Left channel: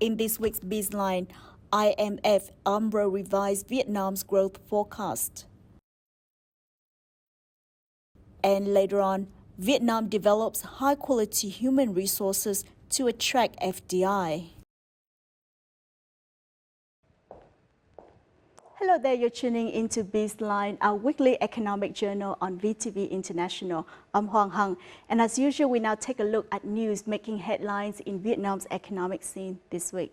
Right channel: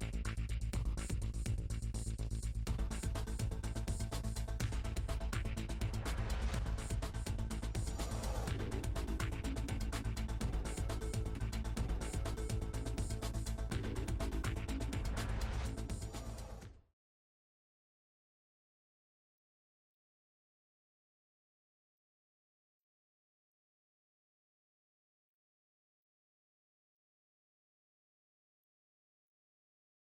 In this week's Bizline, IMF UMRO revised Vietnam's growth forecast. And later on, Vietnam develops high-quality human resources to attract FDI. Hello there, you're tuning into Bizline, our weekly economic journal on VTV International. I'm Hoàng Hằng, and as usual, we now take a look at news making headlines in Vietnam's economic scene this week.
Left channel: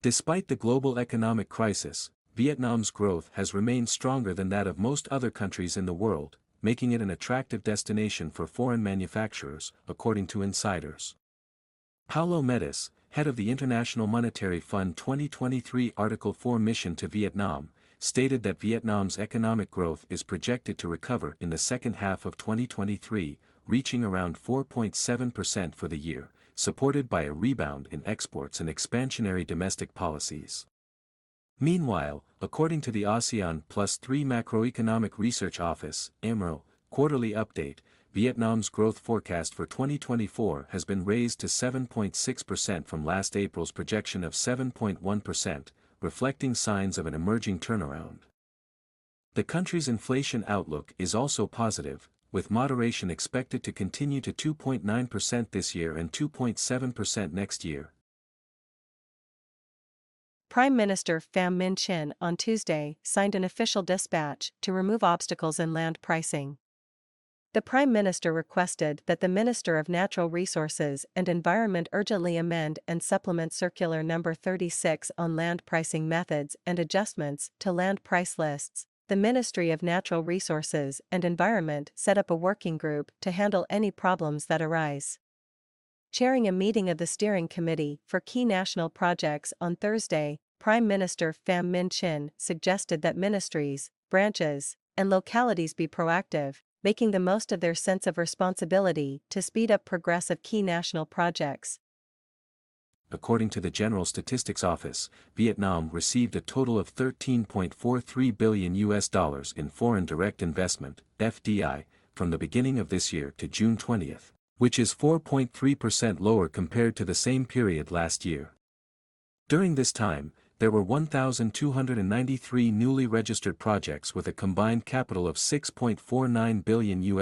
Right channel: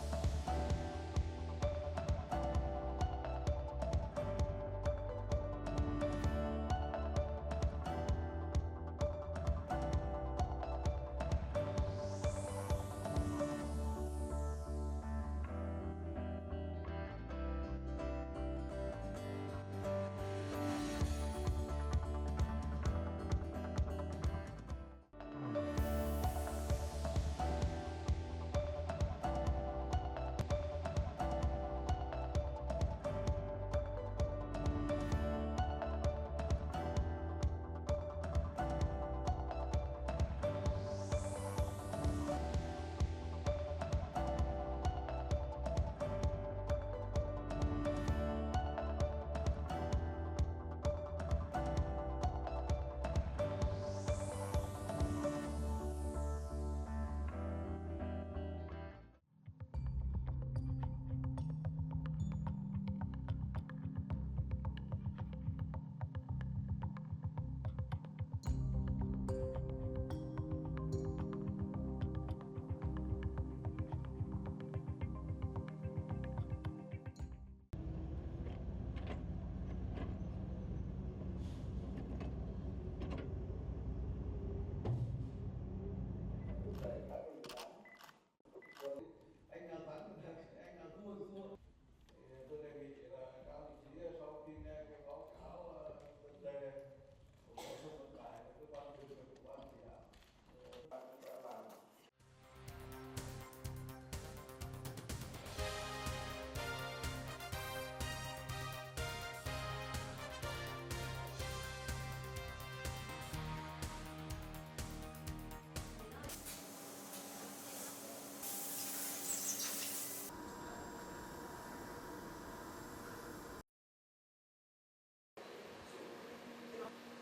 Despite the global economic crisis, Vietnam's growth has remained stronger than that of most other countries in the world, making it an attractive destination for foreign manufacturers, according to insiders. Paulo Metis, head of the International Monetary Fund 2023 Article 4 mission to Vietnam, stated that Vietnam's economic growth is projected to recover in the second half of 2023, reaching around 4.7% for the year, supported by a rebound in exports and expansionary domestic policies. Meanwhile, according to the ASEAN Plus 3 Macroeconomic Research Office (AMRO) quarterly update, Vietnam's growth forecast for 2024 has been raised to 7.6% from last April's projection of 7.1%, reflecting signs of an emerging turnaround. The country's inflation outlook is also positive, with moderation expected to continue to 2.9% this year and 2.7% next year. Prime Minister Pham Minh Chinh on Tuesday signed an official dispatch to remove obstacles in land pricing. The Prime Minister requested that the Minister of Natural Resources and Environment urgently amend and supplement Circular No. 36 on land pricing methods and adjustments to land price lists. The Ministry of Natural Resources and Environment set up a working group to handle any problems that arise. Chairing a meeting of the Steering Committee for Key National Projects on Thursday, Prime Minister Pham Minh Chinh suggested that ministries, branches, and localities be proactive, making the most of their sense of responsibility to speed up progress of key national projects. According to the General Statistics Office, Vietnam received a total of $13.43 billion in foreign direct investment, FDI, from the beginning of this year to June 20th, which is 4.3% lower compared to the same period last year. During this time, there were 1,293 newly registered projects with a combined capital of $6.49 billion,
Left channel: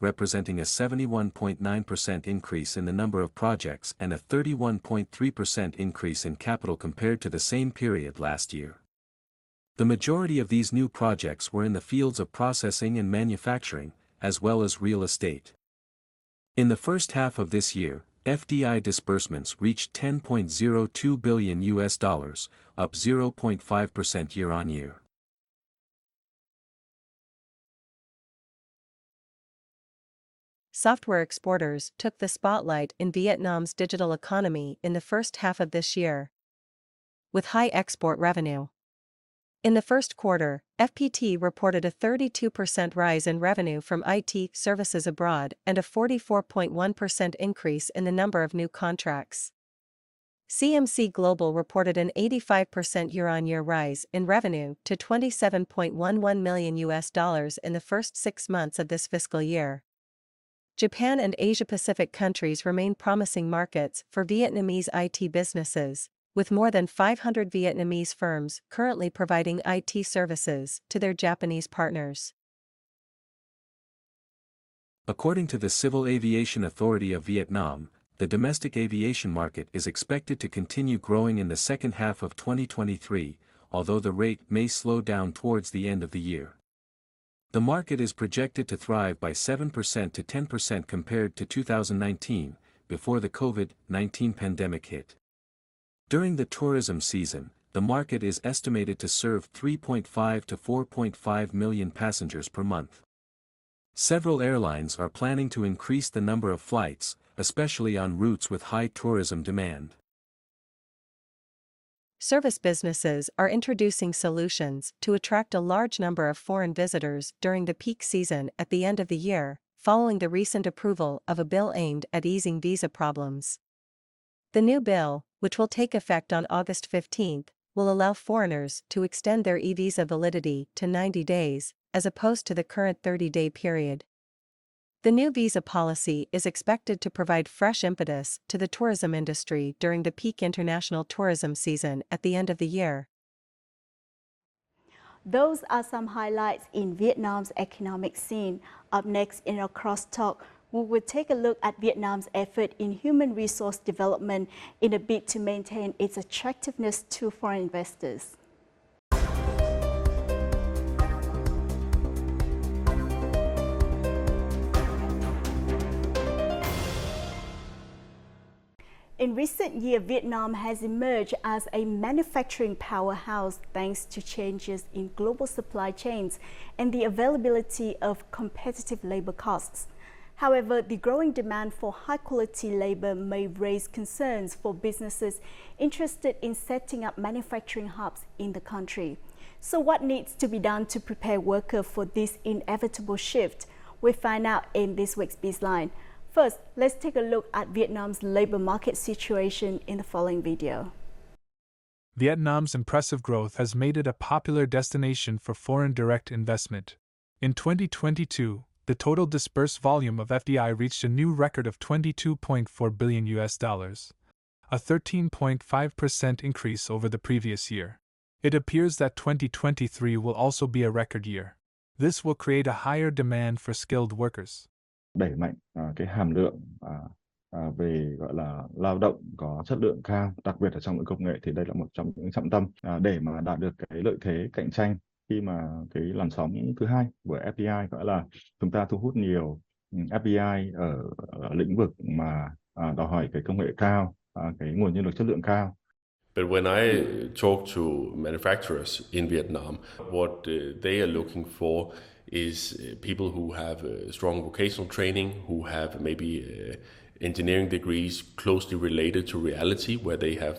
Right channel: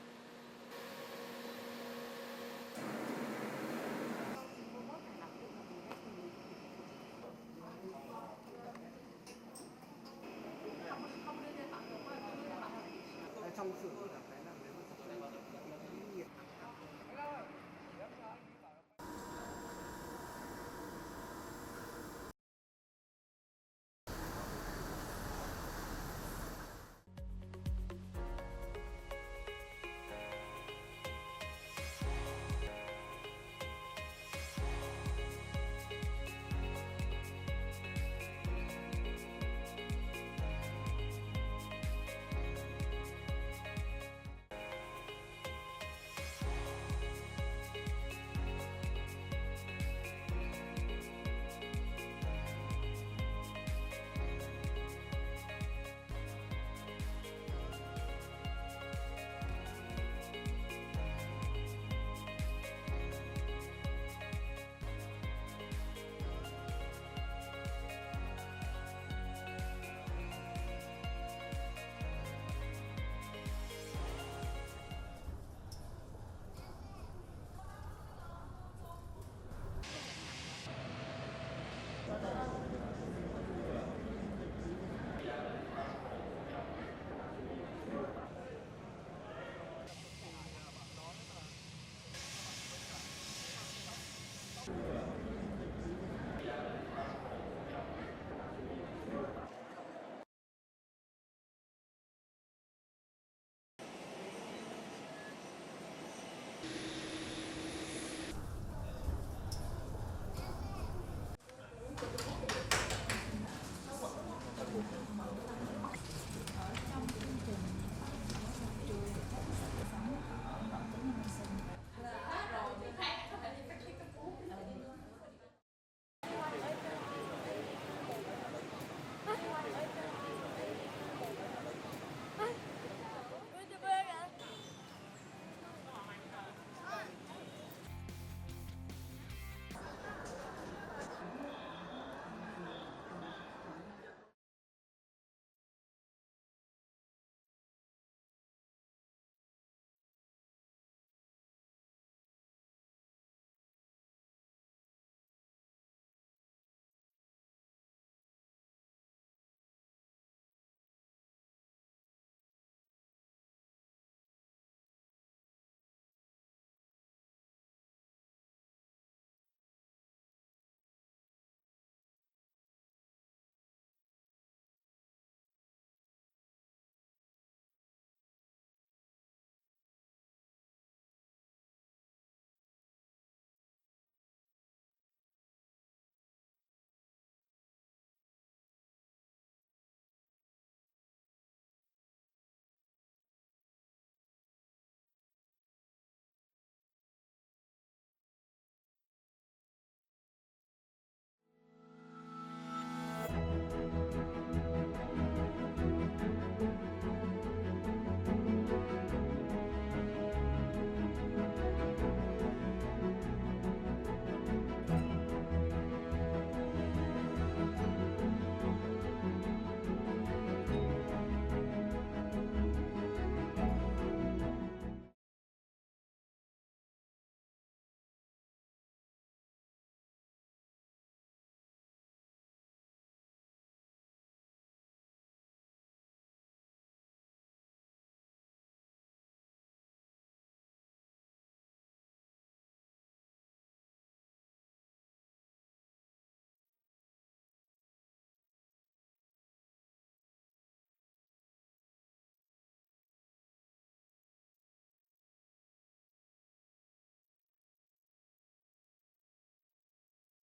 representing a 71.9% increase in the number of projects and a 31.3% increase in capital compared to the same period last year. The majority of these new projects were in the fields of processing and manufacturing, as well as real estate. In the first half of this year, FDI disbursements reached $10.02 billion, up 0.5% year-on-year. Software exporters took the spotlight in Vietnam's digital economy in the first half of this year, with high export revenue. In the first quarter, FPT reported a 32% rise in revenue from IT services abroad and a 44.1% increase in the number of new contracts. CMC Global reported an 85% year-on-year rise in revenue to $27.11 million in the first 6 months of this fiscal year. Japan and Asia-Pacific countries remain promising markets for Vietnamese IT businesses, with more than 500 Vietnamese firms currently providing IT services to their Japanese partners. According to the Civil Aviation Authority of Vietnam, the domestic aviation market is expected to continue growing in the second half of 2023, although the rate may slow down towards the end of the year. The market is projected to thrive by 7% to 10% compared to 2019, before the COVID-19 pandemic hit. During the tourism season, the market is estimated to serve 3.5 to 4.5 million passengers per month. Several airlines are planning to increase the number of flights, especially on routes with high tourism demand. Service businesses are introducing solutions to attract a large number of foreign visitors during the peak season at the end of the year, following the recent approval of a bill aimed at easing visa problems. The new bill, which will take effect on August 15, will allow foreigners to extend their e-visa validity to 90 days, as opposed to the current 30-day period. The new visa policy is expected to provide fresh impetus to the tourism industry during the peak international tourism season at the end of the year. Those are some highlights in Vietnam's economic scene. Up next in our crosstalk, we will take a look at Vietnam's effort in human resource development in a bid to maintain its attractiveness to foreign investors. In recent years, Vietnam has emerged as a manufacturing powerhouse thanks to changes in global supply chains and the availability of competitive labor costs. However, the growing demand for high-quality labor may raise concerns for businesses interested in setting up manufacturing hubs in the country. So what needs to be done to prepare workers for this inevitable shift? We'll find out in this week's Bizline. First, let's take a look at Vietnam's labor market situation in the following video. Vietnam's impressive growth has made it a popular destination for foreign direct investment. In 2022, the total disbursed volume of FDI reached a new record of $22.4 billion, a 13.5% increase over the previous year. It appears that 2023 will also be a record year. This will create a higher demand for skilled workers. Đẩy mạnh cái hàm lượng về gọi là lao động có chất lượng cao, đặc biệt là trong lĩnh công nghệ, thì đây là một trong những trọng tâm để mà đạt được cái lợi thế cạnh tranh khi mà cái làn sóng thứ hai của FDI, gọi là chúng ta thu hút nhiều FDI ở lĩnh vực mà đòi hỏi cái công nghệ cao, cái nguồn nhân lực chất lượng cao. But when I talk to manufacturers in Vietnam, what they are looking for is people who have strong vocational training, who have maybe engineering degrees closely related to reality, where they have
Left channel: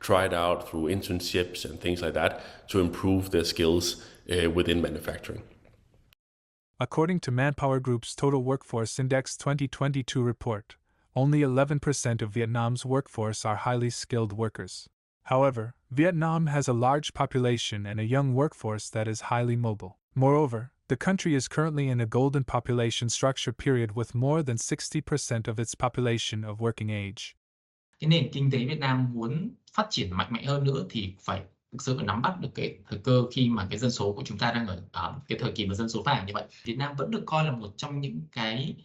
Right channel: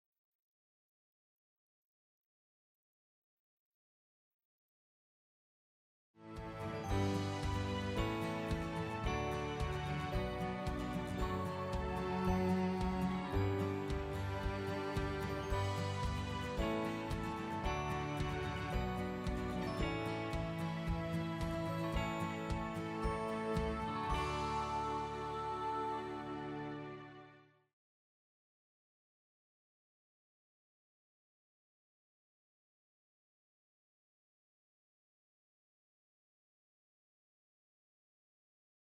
tried out through internships and things like that to improve their skills within manufacturing. According to Manpower Group's Total Workforce Index 2022 report, only 11% of Vietnam's workforce are highly skilled workers. However, Vietnam has a large population and a young workforce that is highly mobile. Moreover, the country is currently in a golden population structure period with more than 60% of its population of working age. Cái nền kinh tế Việt Nam muốn phát triển mạnh mẽ hơn nữa thì phải thực sự nắm bắt được cái thời cơ khi mà cái dân số của chúng ta đang ở cái thời kỳ mà dân số vàng như vậy. Việt Nam vẫn được coi là một trong những cái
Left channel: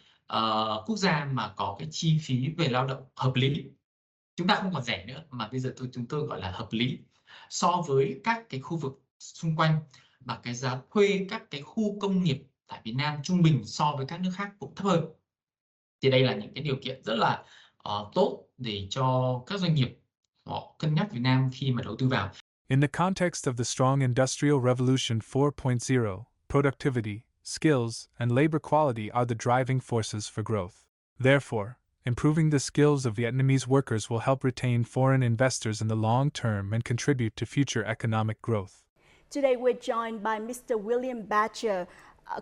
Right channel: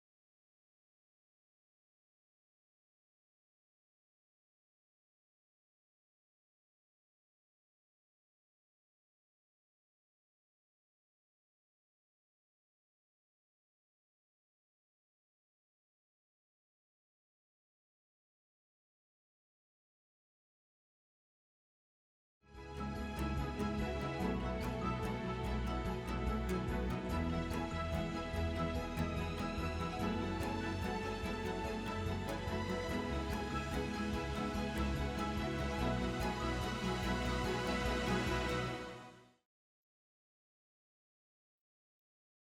quốc gia mà có cái chi phí về lao động hợp lý. Chúng ta không còn rẻ nữa mà bây giờ chúng tôi gọi là hợp lý so với các cái khu vực xung quanh, mà cái giá thuê các cái khu công nghiệp tại Việt Nam trung bình so với các nước khác cũng thấp hơn. Thì đây là những cái điều kiện rất là tốt để cho các doanh nghiệp họ cân nhắc Việt Nam khi mà đầu tư vào. In the context of the strong Industrial Revolution 4.0, productivity, skills, and labor quality are the driving forces for growth. Therefore, improving the skills of Vietnamese workers will help retain foreign investors in the long term and contribute to future economic growth. Today, we're joined by Mr. William Badger,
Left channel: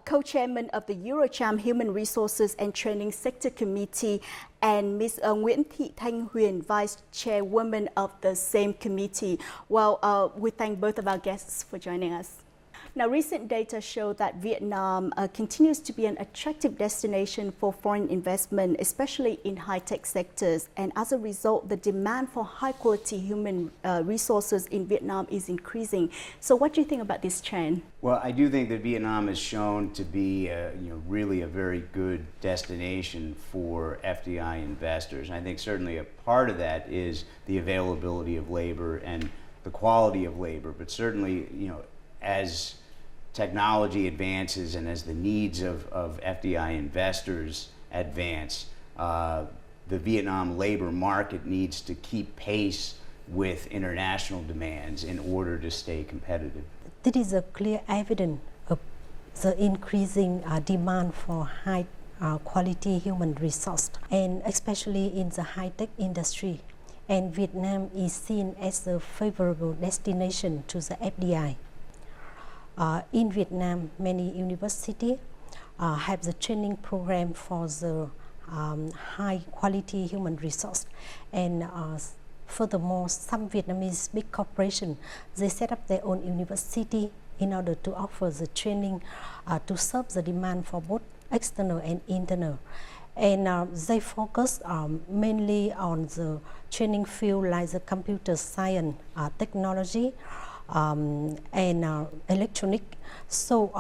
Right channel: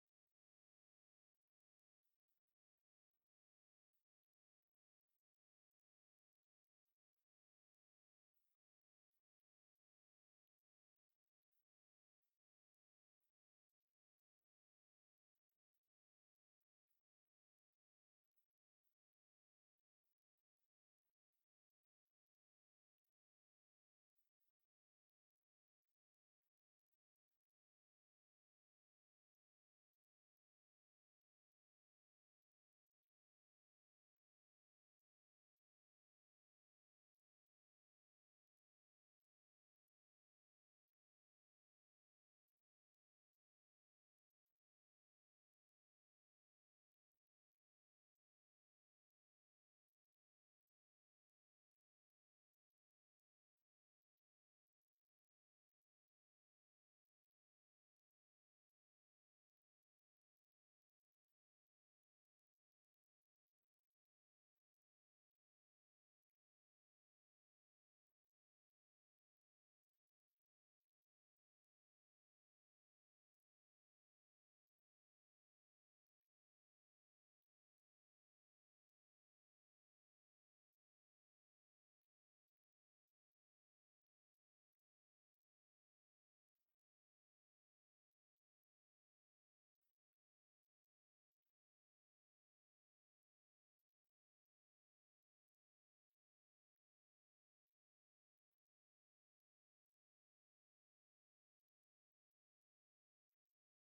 co-chairman of the Eurocham Human Resources and Training Sector Committee, and Ms. Nguyễn Thị Thanh Huyền, Vice Chairwoman of the same committee. Well, we thank both of our guests for joining us. Now, recent data show that Vietnam continues to be an attractive destination for foreign investment, especially in high-tech sectors. And as a result, the demand for high-quality human resources in Vietnam is increasing. So what do you think about this trend? Well, I do think that Vietnam has shown to be really a very good destination for FDI investors. And I think certainly a part of that is the availability of labor and the quality of labor. But certainly, as technology advances and as the needs of FDI investors advance, the Vietnam labor market needs to keep pace with international demands in order to stay competitive. This is a clear evidence of the increasing demand for high quality human resource, and especially in the high-tech industry. And Vietnam is seen as a favorable destination to the FDI. In Vietnam, many universities have the training program for the high quality human resource, and Furthermore, some Vietnamese big corporations, they set up their own university in order to offer the training to serve the demand for both external and internal. And they focus mainly on the training field like the computer science, technology, and electronic. So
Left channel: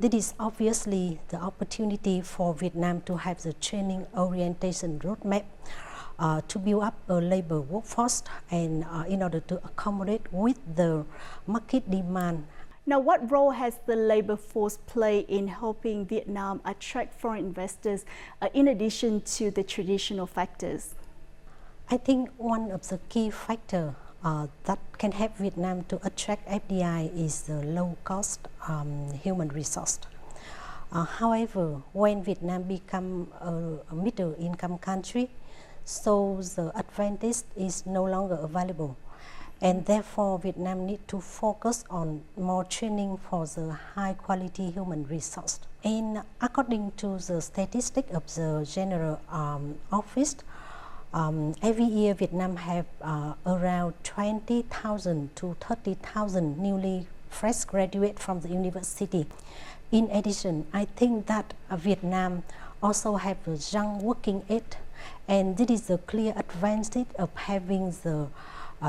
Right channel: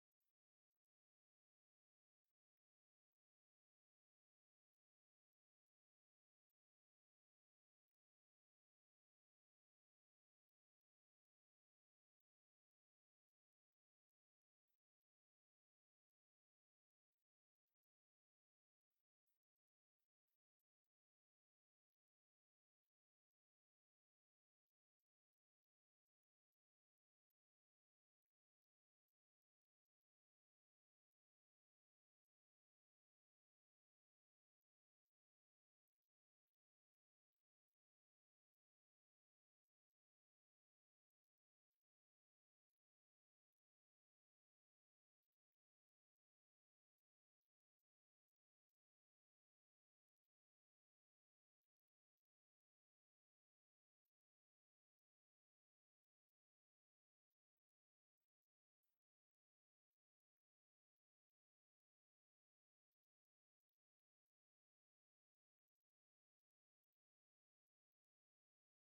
this is obviously the opportunity for Vietnam to have the training orientation roadmap to build up a labor workforce and in order to accommodate with the market demand. Now, what role has the labor force played in helping Vietnam attract foreign investors in addition to the traditional factors? I think one of the key factors that can help Vietnam to attract FDI is the low-cost human resource. However, when Vietnam become a middle-income country, so the advantage is no longer available. And therefore, Vietnam needs to focus on more training for the high-quality human resource. And according to the statistics of the General Office, every year Vietnam have around 20,000 to 30,000 newly fresh graduates from the university. In addition, I think that Vietnam also have a young working age, and this is a clear advantage of having the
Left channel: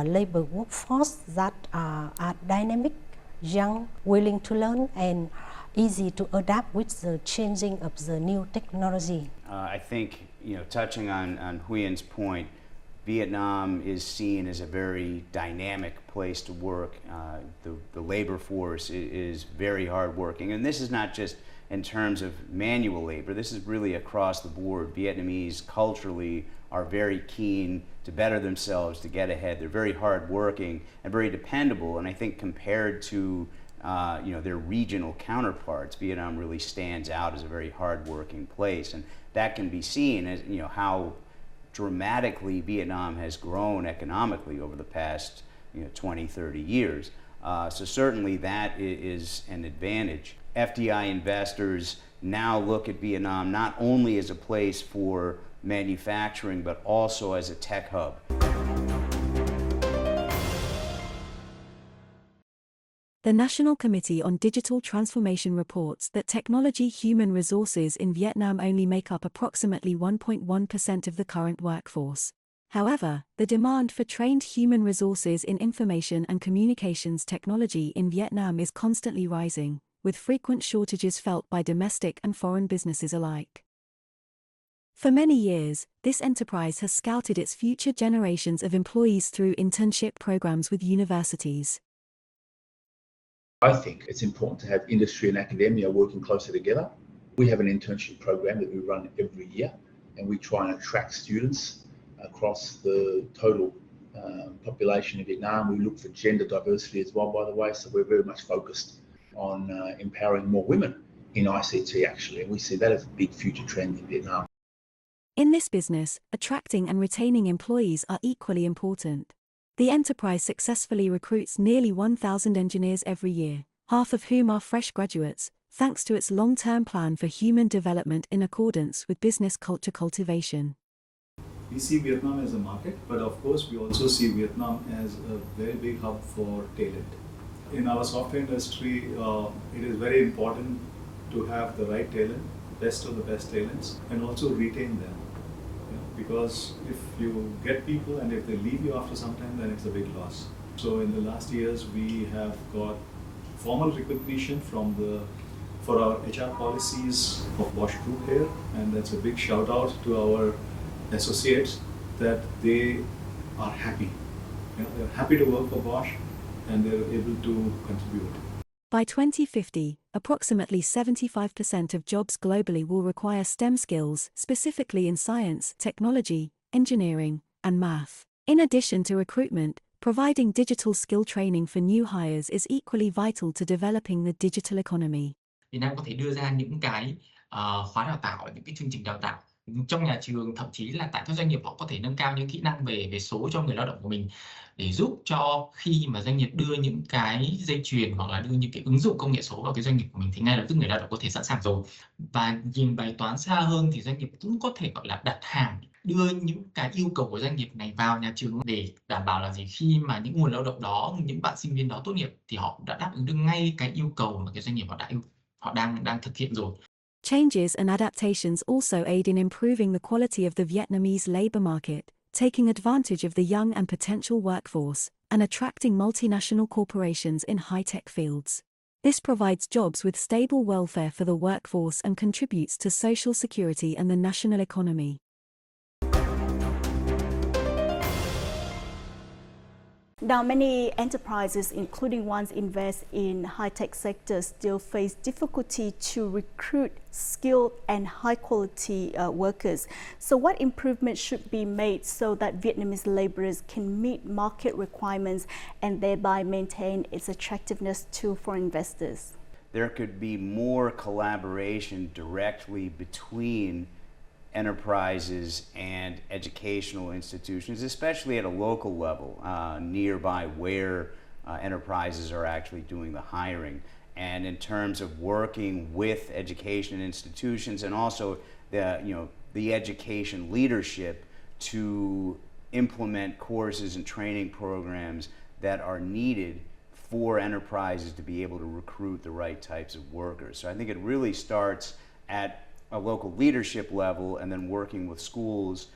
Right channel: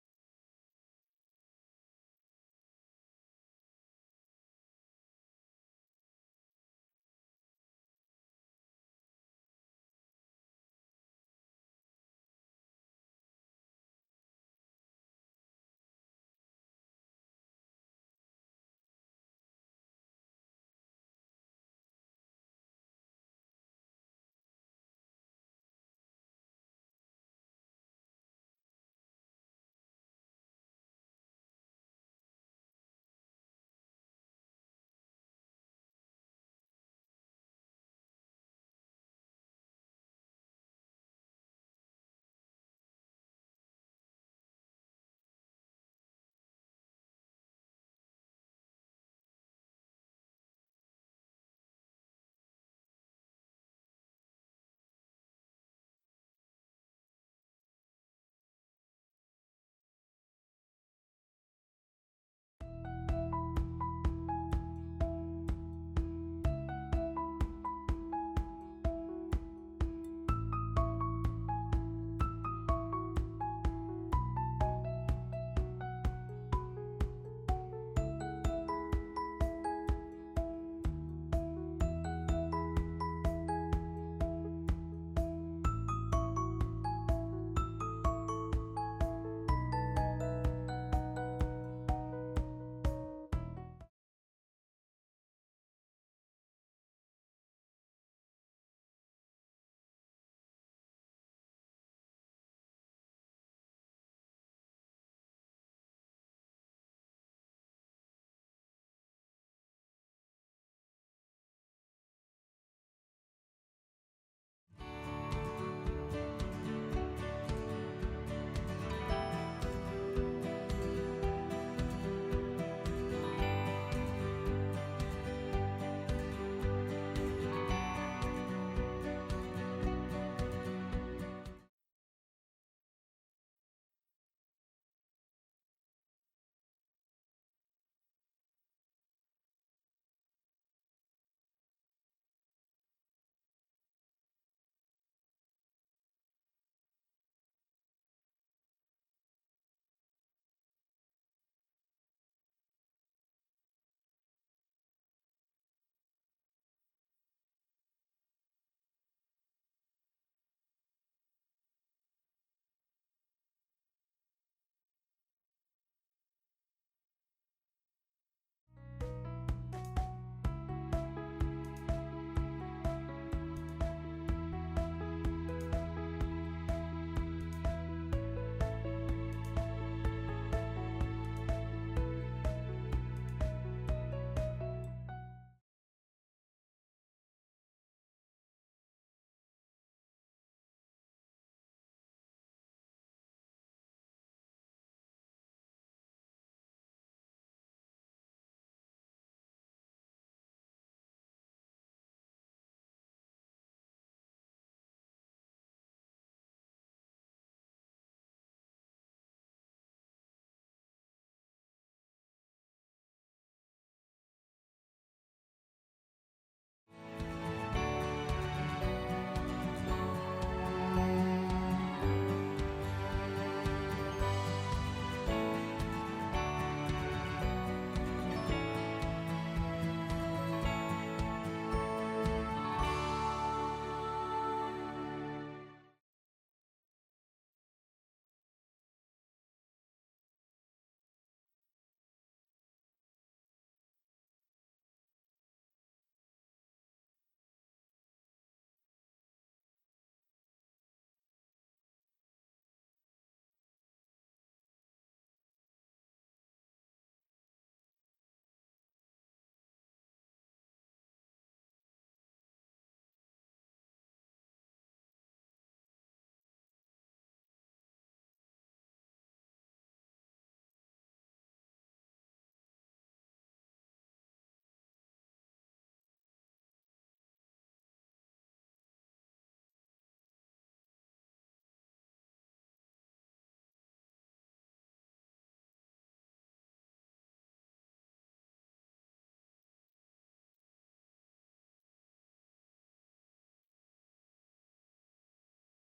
labor workforce that are dynamic, young, willing to learn, and easy to adapt with the changing of the new technology. I think, touching on Huyen's point, Vietnam is seen as a very dynamic place to work. The labor force is very hardworking, and this is not just in terms of manual labor. This is really across the board. Vietnamese culturally are very keen to better themselves, to get ahead. They're very hardworking and very dependable, and I think compared to their regional counterparts, Vietnam really stands out as a very hardworking place, and that can be seen as how dramatically Vietnam has grown economically over the past 20, 30 years. So certainly that is an advantage. FDI investors now look at Vietnam not only as a place for manufacturing, but also as a tech hub. The National Committee on Digital Transformation reports that technology human resources in Vietnam only make up approximately 1.1% of the current workforce. However, the demand for trained human resources in information and communications technology in Vietnam is constantly rising, with frequent shortages felt by domestic and foreign businesses alike. For many years, this enterprise has scouted its future generations of employees through internship programs with universities. I think it's important to have industry and academia working closer together. We have an internship program that we run every year, and we try and attract students across the total population in Vietnam. We look for gender diversity as well, by the way, so we're very much focused on empowering more women in ICT actually, and we see that as a big future trend in Vietnam. In this business, attracting and retaining employees are equally important. The enterprise successfully recruits nearly 1,000 engineers every year, half of whom are fresh graduates, thanks to its long-term plan for human development in accordance with business culture cultivation. We see Vietnam as a market, but of course we also see Vietnam as a very big hub for talent. In our software industry, it is very important to have the right talent, best of the best talents, and also retain them. Because if you get people and if they leave you after some time, then it's a big loss. So in the last years, we have got formal recognition for our HR policies of Bosch Group here, and that's a big shout out to our associates that they are happy. They're happy to work for Bosch and they're able to contribute. By 2050, approximately 75% of jobs globally will require STEM skills, specifically in science, technology, engineering, and math. In addition to recruitment, providing digital skill training for new hires is equally vital to developing the digital economy. Việt Nam có thể đưa ra những cái khóa đào tạo, những cái chương trình đào tạo trong nhà trường, thậm chí là tại các doanh nghiệp họ có thể nâng cao những kỹ năng về số cho người lao động của mình, để giúp cho khi mà doanh nghiệp đưa những cái dây chuyền hoặc là đưa những cái ứng dụng công nghệ số vào cái doanh nghiệp của mình thì ngay lập tức người lao động có thể sẵn sàng rồi. Và nhìn bài toán xa hơn thì doanh nghiệp cũng có thể gọi là đặt hàng đưa những cái yêu cầu của doanh nghiệp này vào nhà trường để đảm bảo là gì, khi mà những nguồn lao động đó, những bạn sinh viên đó tốt nghiệp thì họ đã đáp ứng được ngay cái yêu cầu mà cái doanh nghiệp họ đang thực hiện rồi. Changes and adaptations also aid in improving the quality of the Vietnamese labour market, taking advantage of the young and potential workforce, and attracting multinational corporations in high-tech fields. This provides jobs with stable welfare for the workforce and contributes to social security and the national economy. Now, many enterprises, including ones invest in high-tech sectors, still face difficulty to recruit skilled and high-quality workers. So what improvements should be made so that Vietnamese laborers can meet market requirements and thereby maintain its attractiveness to foreign investors? There could be more collaboration directly between enterprises and educational institutions, especially at a local level, nearby where enterprises are actually doing the hiring. And in terms of working with education institutions and also the education leadership to implement courses and training programs that are needed for enterprises to be able to recruit the right types of workers. So I think it really starts at a local leadership level and then working with schools,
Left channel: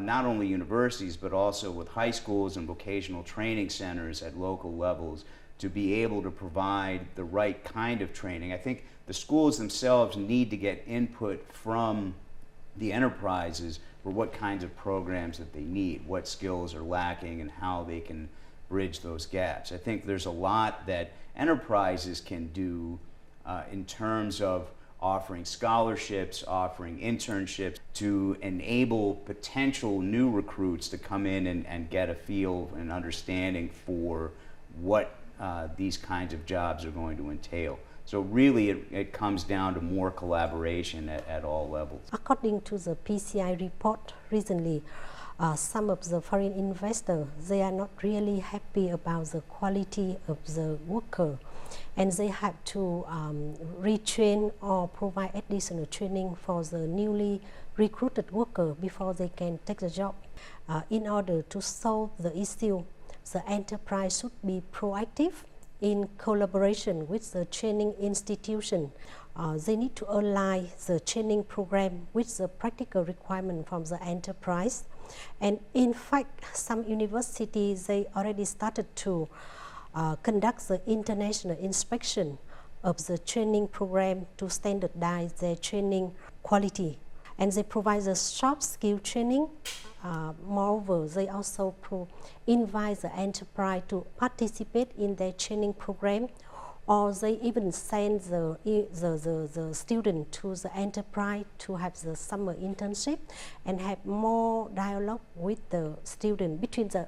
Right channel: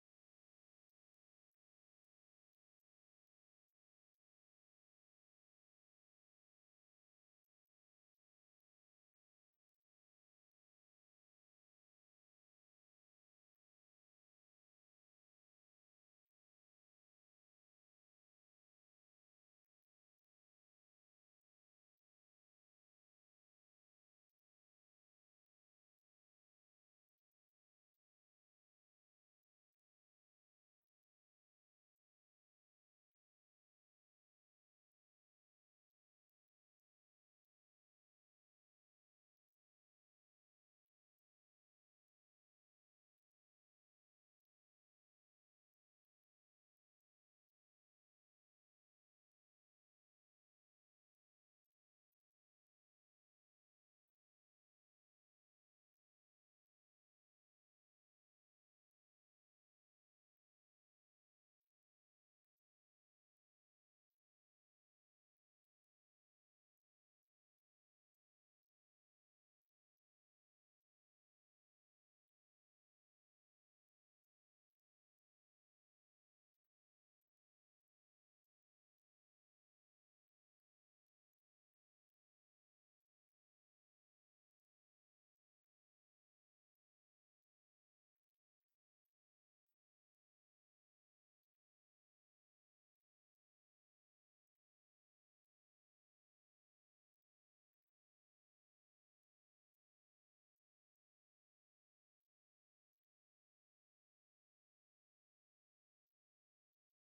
not only universities, but also with high schools and vocational training centers at local levels to be able to provide the right kind of training. I think the schools themselves need to get input from the enterprises for what kinds of programs that they need, what skills are lacking, and how they can bridge those gaps. I think there's a lot that enterprises can do in terms of offering scholarships, offering internships to enable potential new recruits to come in and get a feel and understanding for what these kinds of jobs are going to entail. So really it comes down to more collaboration at all levels. According to the PCI report recently, some of the foreign investors, they are not really happy about the quality of the worker, and they have to retrain or provide additional training for the newly recruited worker before they can take the job. In order to solve the issue, the enterprise should be proactive in collaboration with the training institution. They need to align the training program with the practical requirement from the enterprise. And in fact, some universities, they already started to conduct the international inspection of the training program to standardize their training quality. And they provide the soft skill training. Moreover, they also invite the enterprise to participate in their training program, or they even send the student to the enterprise to have the summer internship and have more dialogue with the student, between the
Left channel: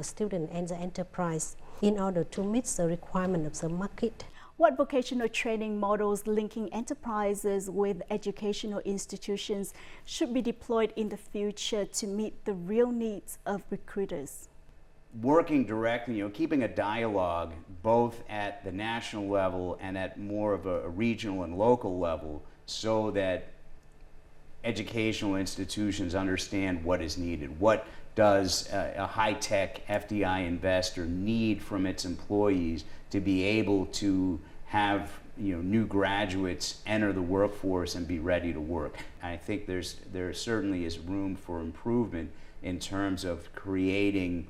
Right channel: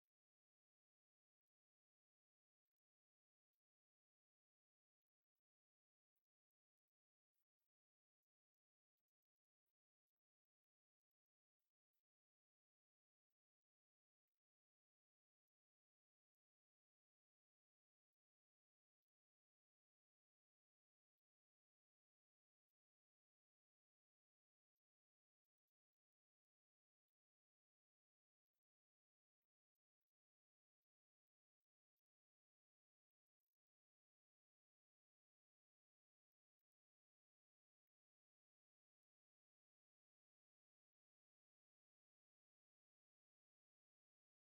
student and the enterprise, in order to meet the requirement of the market. What vocational training models linking enterprises with educational institutions should be deployed in the future to meet the real needs of recruiters? Working directly, keeping a dialogue both at the national level and at more of a regional and local level, so that educational institutions understand what is needed. What does a high-tech FDI investor need from its employees to be able to have new graduates enter the workforce and be ready to work? I think there certainly is room for improvement in terms of creating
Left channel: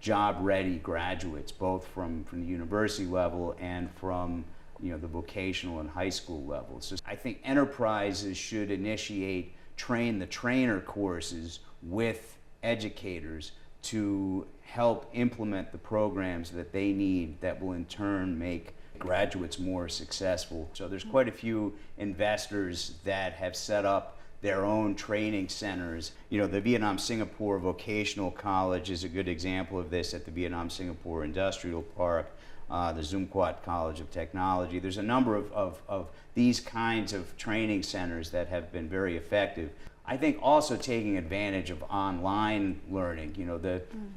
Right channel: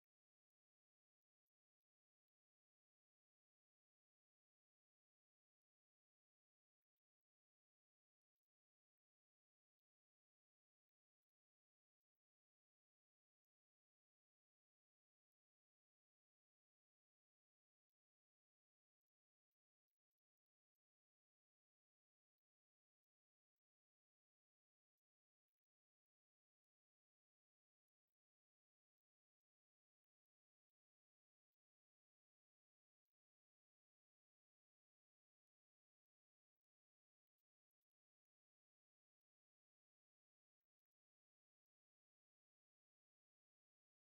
job-ready graduates, both from the university level and from the vocational and high school levels. So I think enterprises should initiate train-the-trainer courses with educators to help implement the programs that they need that will in turn make graduates more successful. So there's quite a few investors that have set up their own training centers. The Vietnam-Singapore Vocational College is a good example of this at the Vietnam-Singapore Industrial Park, the Zoom Quad College of Technology. There's a number of these kinds of training centers that have been very effective. I think also taking advantage of online learning.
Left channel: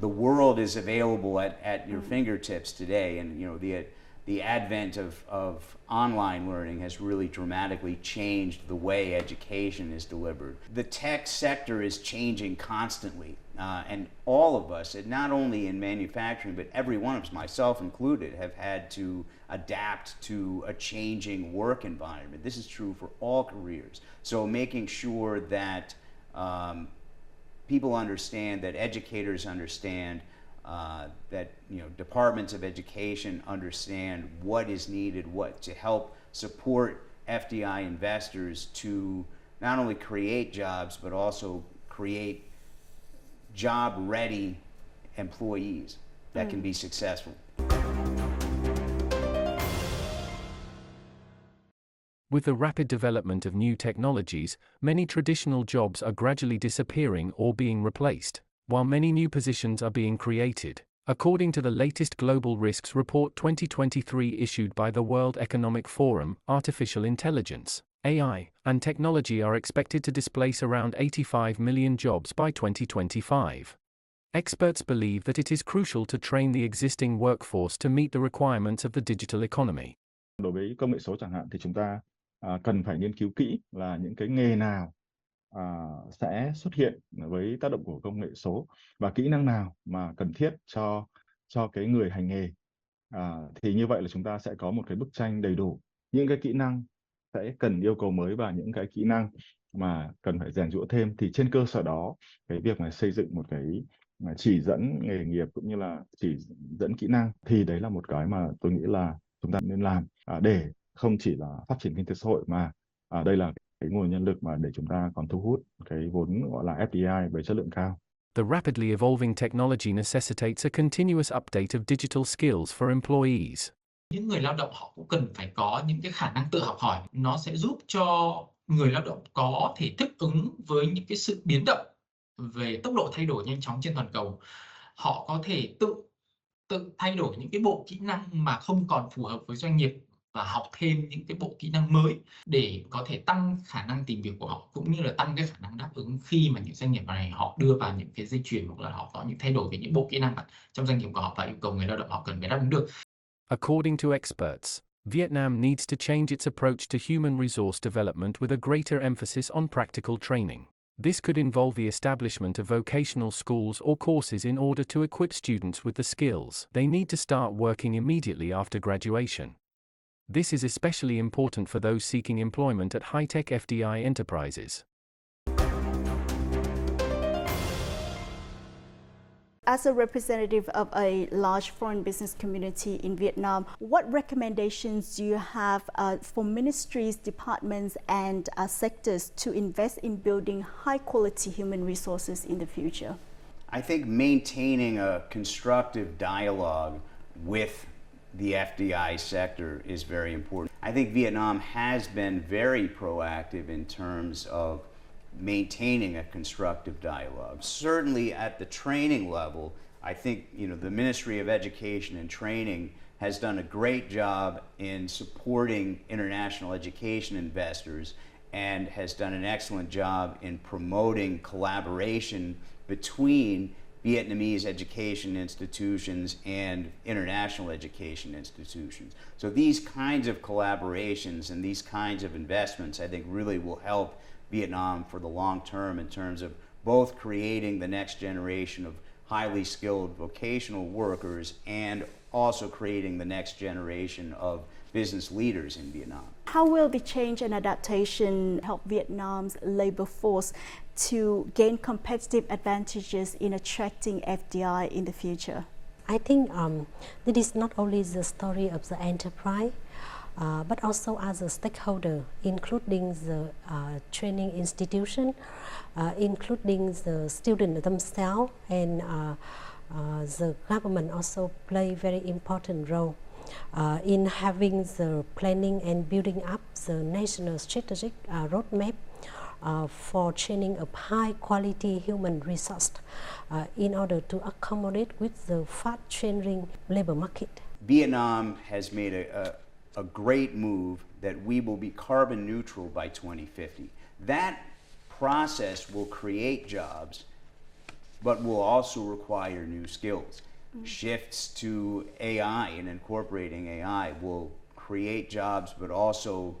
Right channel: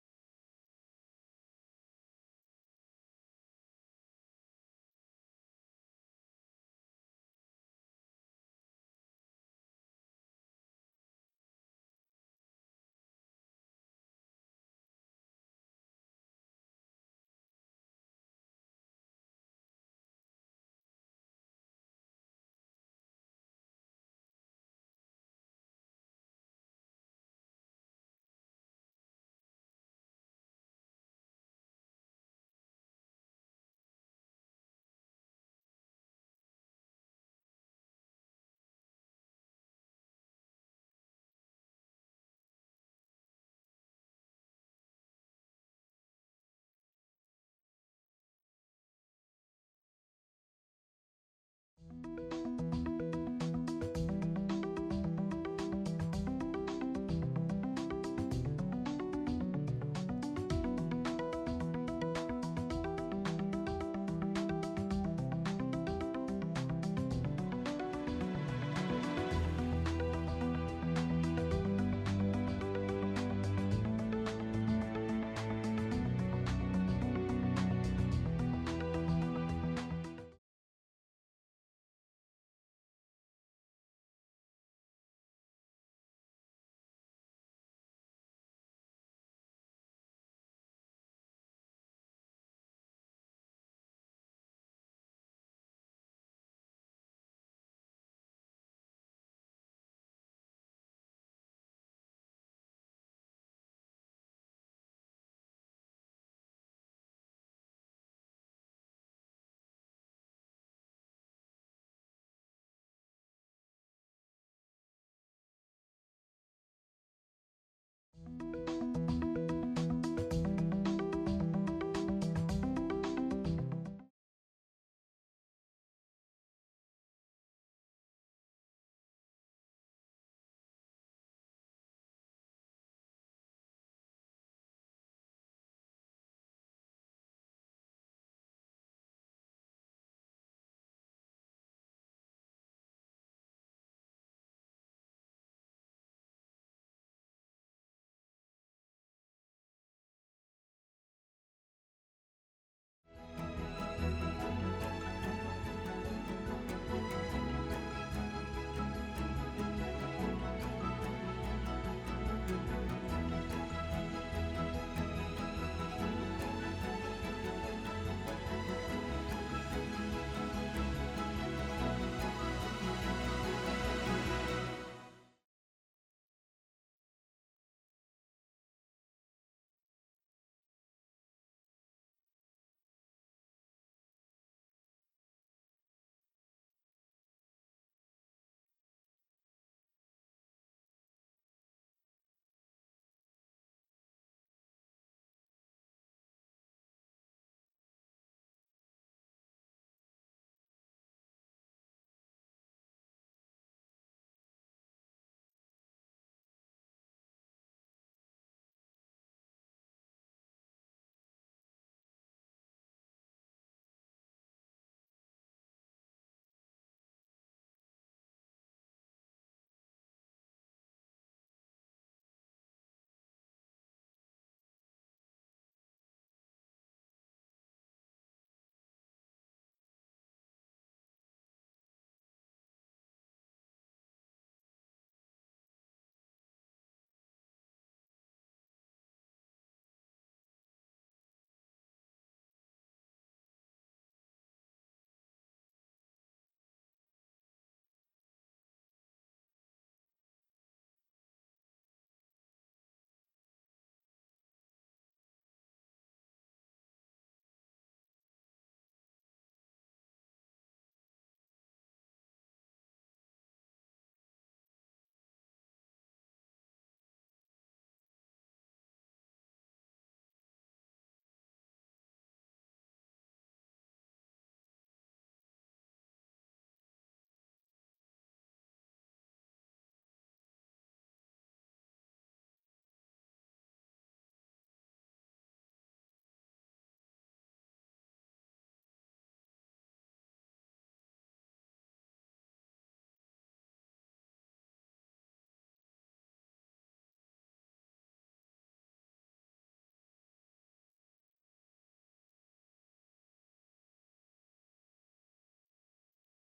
The world is available at your fingertips today, and the advent of online learning has really dramatically changed the way education is delivered. The tech sector is changing constantly, and all of us, and not only in manufacturing, but every one of us, myself included, have had to adapt to a changing work environment. This is true for all careers. So making sure that people understand, that educators understand, that departments of education understand what is needed, what to help support FDI investors to not only create jobs but also create job-ready employees that can be successful. With the rapid development of new technologies, many traditional jobs are gradually disappearing or being replaced, while many new positions are being created. According to the latest Global Risks Report 2023 issued by the World Economic Forum, artificial intelligence, AI, and technology are expected to displace around 85 million jobs by 2025. Experts believe that it is crucial to train the existing workforce to meet the requirements of the digital economy. Đối với công nghệ số chẳng hạn thì chúng ta cần phải nghiên cứu kỹ là những cái nghề nào sẽ xuất hiện với tác động của công nghệ số và kỹ năng nào mà cần thiết cho cái người hành nghề. Thì như vậy là chúng ta sẽ có một cái bức tranh đầy đủ những cái kỹ năng sẽ cần yêu cầu mới và những cái kỹ năng mà cần phải rèn giũa thêm. Thì trên cơ sở đó, cái việc mà xây dựng một cái chỉ dẫn nghề nghiệp cũng như là chỉ dẫn kỹ năng thì đấy là một cái mà tôi nghĩ là chúng ta nên làm để không chỉ là phát triển kinh tế xã hội mà đây là cái nguồn nhân lực mà để chúng ta còn thu hút cái vốn gọi là FDI với chất lượng cao. The rapidly evolving technology necessitates a continuous update of digital skills for employees. Những người lao động họ cũng cần phải có những cái khả năng tự học hỏi. Nó sẽ giúp cho người lao động có thể thích ứng với những cái sự biến động về tốc độ thay đổi nhanh chóng trên toàn cầu. Họ có thể tự thay đổi những cái bộ kỹ năng mà không còn phù hợp với doanh nghiệp và học thêm những cái bộ kỹ năng mới để có thể tăng khả năng tìm việc của họ, cũng như là tăng cái khả năng đáp ứng khi mà những doanh nghiệp này họ đưa vào những cái dây chuyền hoặc là họ có những thay đổi về những bộ kỹ năng trong doanh nghiệp của họ và yêu cầu người lao động họ cần phải đáp ứng được. According to experts, Vietnam needs to change its approach to human resource development with a greater emphasis on practical training. This could involve the establishment of vocational schools or courses in order to equip students with the skills they need to start working immediately after graduation. This is especially important for those seeking employment at high-tech FDI enterprises. As a representative of a large foreign business community in Vietnam, what recommendations do you have for ministries, departments, and sectors to invest in building high-quality human resources in the future? I think maintaining a constructive dialogue with the FDI sector is very important. I think Vietnam has been very proactive in terms of maintaining a constructive dialogue. Certainly at the training level, I think the Ministry of Education and Training has done a great job in supporting international education investors and has done an excellent job in promoting collaboration between Vietnamese education institutions and international education institutions. So these kinds of collaborations and these kinds of investments, I think, really will help Vietnam for the long term in terms of both creating the next generation of highly skilled vocational workers and also creating the next generation of business leaders in Vietnam. How will the change and adaptation help Vietnam's labor force to gain competitive advantages in attracting FDI in the future? I think this is not only the story of the enterprise, but also as a stakeholder, including the training institution, including the students themselves, and the government also play very important role in having the planning and building up the national strategic roadmap for training of high quality human resource in order to accommodate with the fast changing labor market. Vietnam has made a great move that we will be carbon neutral by 2050. That process will create jobs, but will also require new skills. shifts to AI and incorporating AI will create jobs but also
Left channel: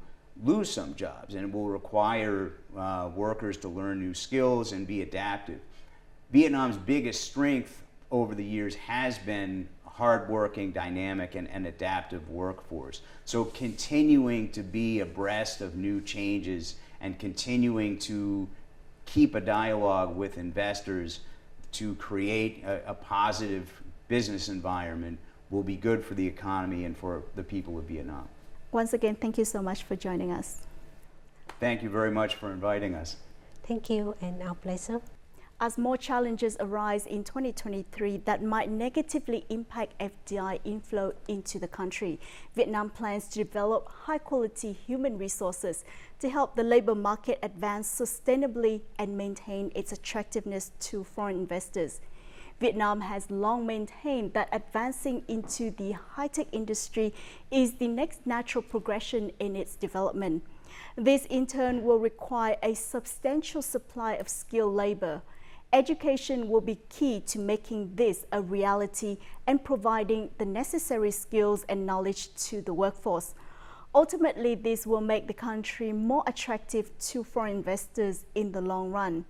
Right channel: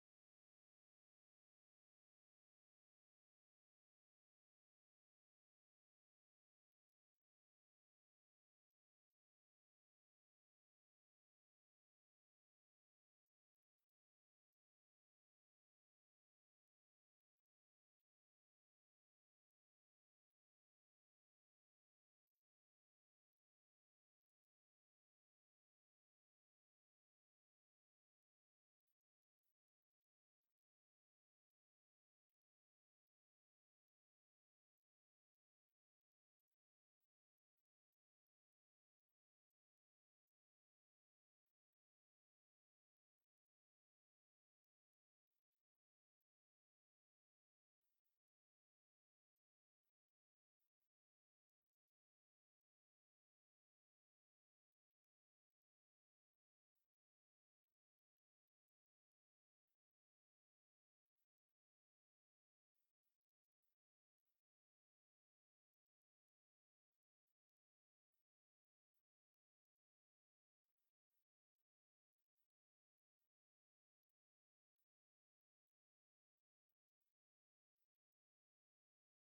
lose some jobs, and it will require workers to learn new skills and be adaptive. Vietnam's biggest strength over the years has been a hardworking, dynamic, and adaptive workforce. So continuing to be abreast of new changes and continuing to keep a dialogue with investors to create a positive business environment will be good for the economy and for the people of Vietnam. Once again, thank you so much for joining us. Thank you very much for inviting us. Thank you, and our pleasure. As more challenges arise in 2023 that might negatively impact FDI inflow into the country, Vietnam plans to develop high-quality human resources to help the labor market advance sustainably and maintain its attractiveness to foreign investors. Vietnam has long maintained that advancing into the high-tech industry is the next natural progression in its development. This in turn will require a substantial supply of skilled labor. Education will be key to making this a reality and providing the necessary skills and knowledge to the workforce. Ultimately, this will make the country more attractive to foreign investors in the long run.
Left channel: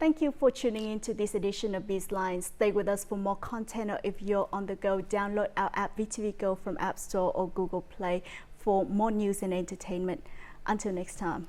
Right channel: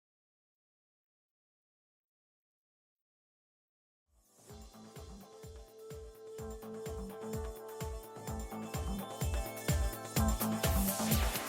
Thank you for tuning in to this edition of Bizline. Stay with us for more content, or if you're on the go, download our app VTV Go from App Store or Google Play for more news and entertainment. Until next time.